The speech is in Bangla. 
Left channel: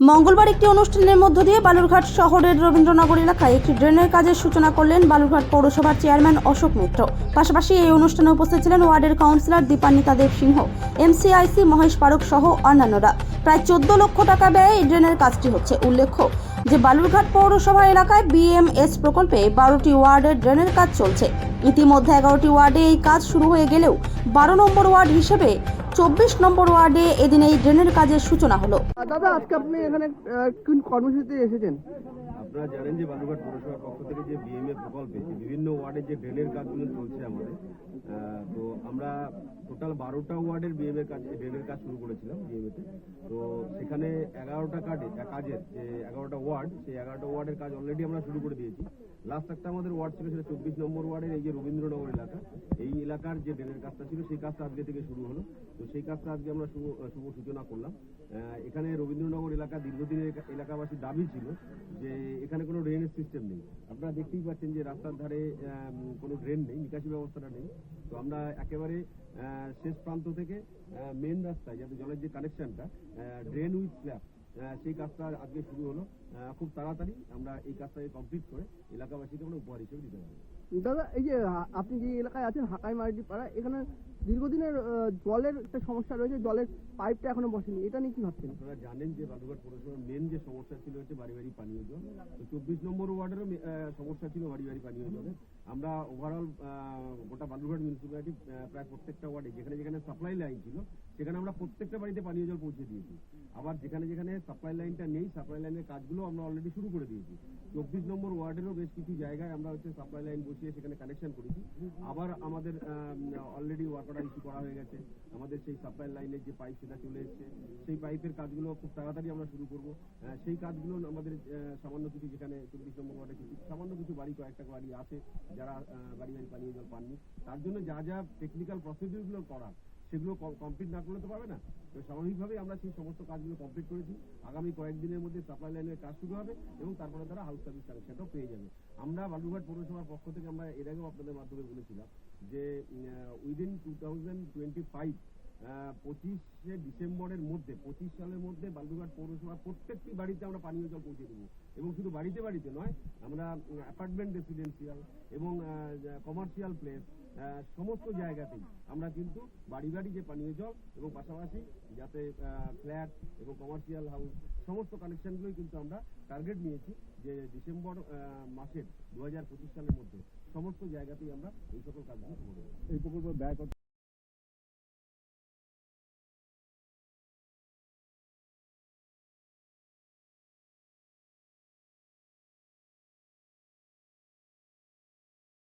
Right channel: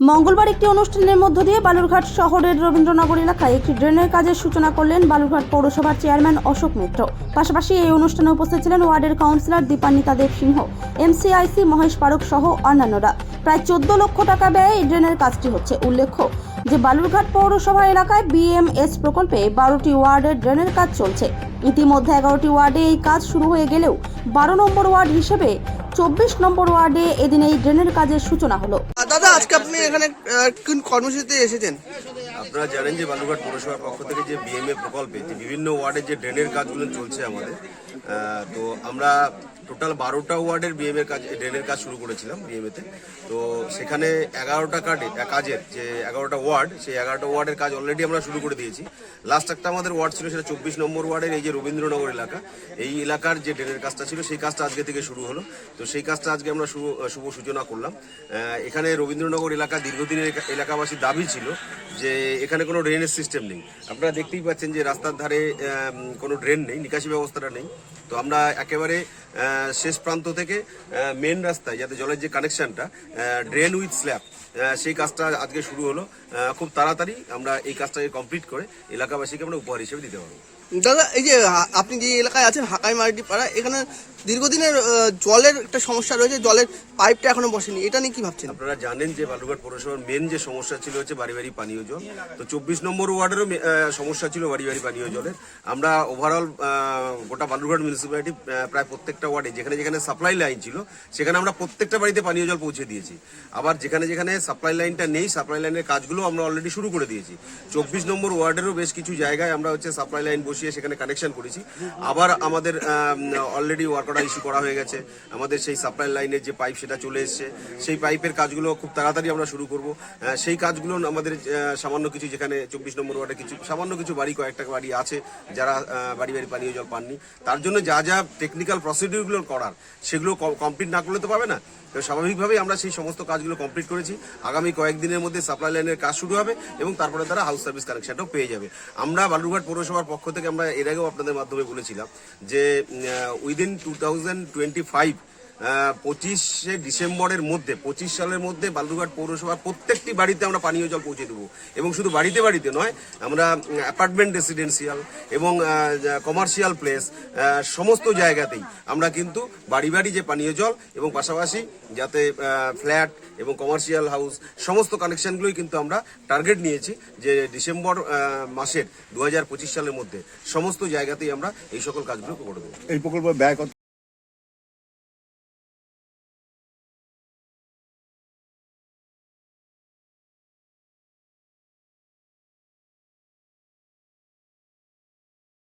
মঙ্গলবার একটি অনুষ্ঠানের মধ্য দিয়ে বালুরঘাট শহরের রবীন্দ্রনগর এলাকায় একটি ড্রেনের কাজের সূচনা করলেন বালুরঘাট পৌরসভার চেয়ারম্যান অশোক মিত্র। পাশাপাশি এই অনুষ্ঠানে উপস্থিত ছিলেন ওয়ার্ডের কাউন্সিলর দীপান্বিতা দেব সিংহ, এমসিআইসি মহেশ পারক সহ অন্যান্যরা। প্রায় 14 লক্ষ টাকা ব্যয়ে এই ড্রেনের কাজটি হচ্ছে। উল্লেখ্য যে বালুরঘাট পৌরসভা এলাকায় বিএমএস প্রকল্পে 12টি ওয়ার্ডের ড্রেনের কাজ চলছে। ইতিমধ্যে 11টি ওয়ার্ডে এই কাজ শুরু হয়ে গেলেও 12 নম্বর ওয়ার্ড হিসেবে 24 নম্বর ওয়ার্ডে এদিন এই ড্রেনের কাজের সূচনা হলো। দাদা, আজকে আপনি এখানে কোন কর্মসূচিতে এসেছেন? আপনারা জানেন যে বালুরঘাট পৌরসভার পক্ষ থেকে যে বিএমএ প্রকল্পে যে বিভিন্ন ওয়ার্ডের যে ড্রেনের কাজগুলো চলছে আমাদের, তো আমরা টোটাল 12টা ওয়ার্ডের ড্রেনের কাজ শুরু করেছিলাম বিএমএতে। তো সেখানে 11টা কাজের যে 11টা ওয়ার্ড, সেই 11টা ওয়ার্ডের কাজ অলরেডি আমরা শুরু করে দিয়েছি। লাস্ট একটা আমাদের ওয়ার্ড ছিল, সেটা 24 নম্বর ওয়ার্ডের এই যে রবীন্দ্রনগর এলাকা, এই এলাকার যে ড্রেনের কাজটা ছিল সেই কাজটা আজকে থেকে শুরু হলো। তো সেই কাজটা আজকে আমরা শুভ সূচনা করলাম। এখানে রবীন্দ্রনগর এলাকা দীর্ঘদিনের এলাকাবাসীর দাবি ছিল যে এখানে কোনো ড্রেনেজ সিস্টেম নেই। আপনারা দেখতেই পাচ্ছেন যে রাস্তার ধারে কোনো ড্রেন নেই, নিকাশি ব্যবস্থাটা নেই। তো আমরা একেবারে শেষ প্রান্ত থেকে মেন রাস্তায় যাতে জলের যে কানেকশনটা, ড্রেন উইথ স্ল্যাব, সেই কাজটা আজকে শুরু হলো। খুব তাড়াতাড়ি আমরা এই কাজটাকে কমপ্লিট করে এলাকাবাসীকে আমরা উপহার হিসেবে দিতে পারবো। দাদা, এই যে আপনি যে এলাকায় আছেন হাকাই মার্ডি পাড়া, এখানে দীর্ঘদিনের জলের একটা সমস্যা রয়েছে, জলের পাইপটা এখনো বসেনি, এটা নিয়ে কি ভাবছেন? আপনারা জানেন যে বালুরঘাট পৌরসভার মেন যে সমস্যা ছিল হচ্ছে বাড়ি বাড়ি পানীয় জল। তো 24 নম্বর ওয়ার্ডেরও সমস্যা ছিল বাড়ি বাড়ি পানীয় জলের। আমরা ওভারঅল গোটা বালুরঘাট মিউনিসিপ্যালিটি প্রায় প্রত্যেকটা ওয়ার্ডে যেখানে যেখানে সাপ্লাই লাইন ছিল সেখানে আমরা প্রত্যেকটা বাড়িতে পানীয় জল পৌঁছে দিয়েছি। আবার যেখানে যেখানে সাপ্লাই লাইনটা নেই, সাপ্লাই লাইনের কাজগুলো আমরা অলরেডি শুরু করে দিয়েছি। 24 নম্বর ওয়ার্ডেরও বেশ কিছু জায়গায় আমরা সাপ্লাই লাইন বসিয়ে সেখানে কানেকশন করেছি। আবার আমাদের অলরেডি ওয়ার্ক অর্ডার ইস্যু করা হয়ে গেছে। আমাদের সেই সাপ্লাই লাইনের যে পাইপ সেটা চলে এসছে, সেই পাইপের কাজগুলো খুব তাড়াতাড়ি আমরা শুরু করব। সেই কাজগুলো আমাদের সামান্য কিছু, যেখানে 24 নম্বর ওয়ার্ডে সামান্য কিছু বাড়ি, কয়েকটা বাড়ি আছে যারা বাড়ি বাড়ি পানীয় জল পাননি, তার জন্য যা যা টেকনিক্যাল প্রসিডিউরগুলো করার সেগুলো কমপ্লিট না করলে তো পাবে না। তো স্বাভাবিকভাবেই আমরা সেই সমস্ত কাজগুলো কমপ্লিট করেছি। আগামী কয়েকদিনের মধ্যে সাপ্লাই লাইনের কাজ শুরু হবে এবং তারপরে তারা হাউস সার্ভিস কানেকশনটাও পেয়ে যাবে। আমরা বালুরঘাট পৌরসভার পক্ষ থেকে আমরা এর আগেও আপনাদের মাধ্যমে বলেছিলাম যে উইদিন 2025 25শে ডিসেম্বরের মধ্যে, 25 সালের মধ্যে বালুরঘাট পৌরসভার প্রত্যেকটি বাড়িতে আমরা পানীয় জল পৌঁছে দেবো। এবং শুধু বাড়িতে বাড়িতে নয়, আমরা অ্যাপার্টমেন্ট, রেসিডেন্সিয়াল এবং কমার্শিয়াল প্লেস, সমস্ত জায়গাতেই আমরা কিন্তু বাড়ি বাড়ি যে পানীয় জল এবং পাশাপাশি যাতে ফ্ল্যাট এবং কমার্শিয়াল হাউস সমস্ত কানেকশনগুলোই কিন্তু আমরা টার্গেট নিয়েছি যে ডিসেম্বর মাসের 2025 সালের মধ্যে সমস্ত জায়গাতেই আমরা এই সকল কাজগুলো করে দেবো। এই প্রকল্পের ব্যয় কত?